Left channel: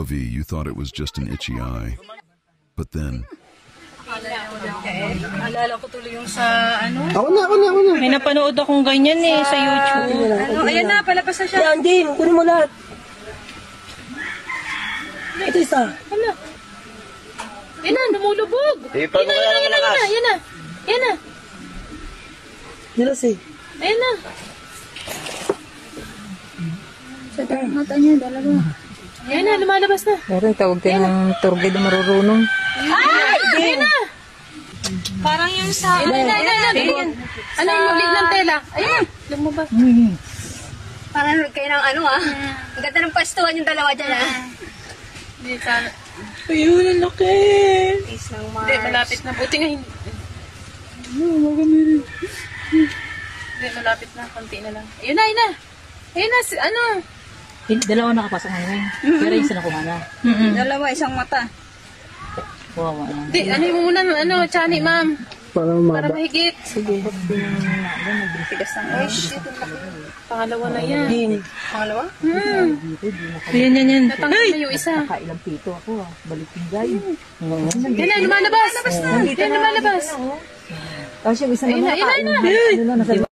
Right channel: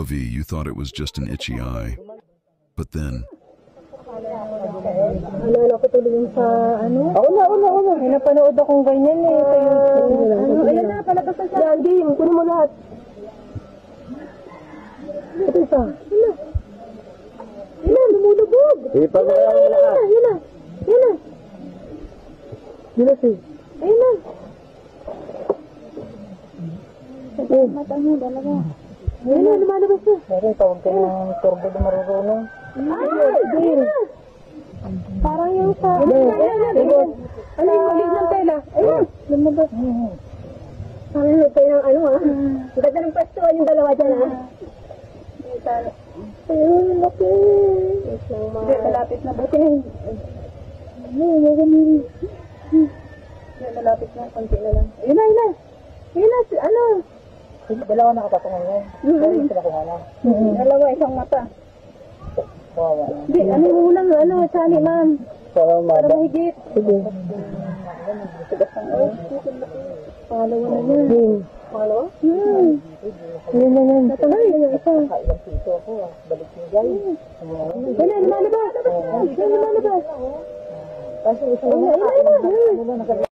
Avi, you thought it was just an itchy eye. But then, Alala ko tuloy yung sa ano. Ako na. May napanood akong ganyan eh sa YouTube. Ano, ayan na, palabas na siya. Yan, din. Kunin mo lahat. Ito isa. Ano? Yan na, lumulubog. Yan na. Yan na. Nilas eh. Ayan na. Sa mata niya, dalawa. Ayan na, lumalabas na. Meron tawag din ng turgid marurunong. Ay! Ayan na. Parang yung sa... Ano yung ulit ng tela? Ayan, lumabas. Parang kayo ng ano ah. Ang ganda ng pastuhan yung dalawa dyan ah. Hindi, sana. Ayun, ang laki. Isang Hindi, malapit na. Buti nga hindi. Hindi, malapit na. Konti na lang. Ayun na. Ayun na, ano? Dalawa nakapasok ngayon. Pero yung isa nakuha na. Dalawa, isang mata. Kawawa na. Hindi, ano yung muna, Chani, ma'am. Para Para umaba. mahigit. Sige. Tigas ng ay shit. Pangalawa na yan. Din. Pangalawa? Yan. Natanggal na yung isa. Ilang pito ako. Balik yung guy. Yan na, lumalabas. Yan, lumalabas. Kasi yung isa Ayun na.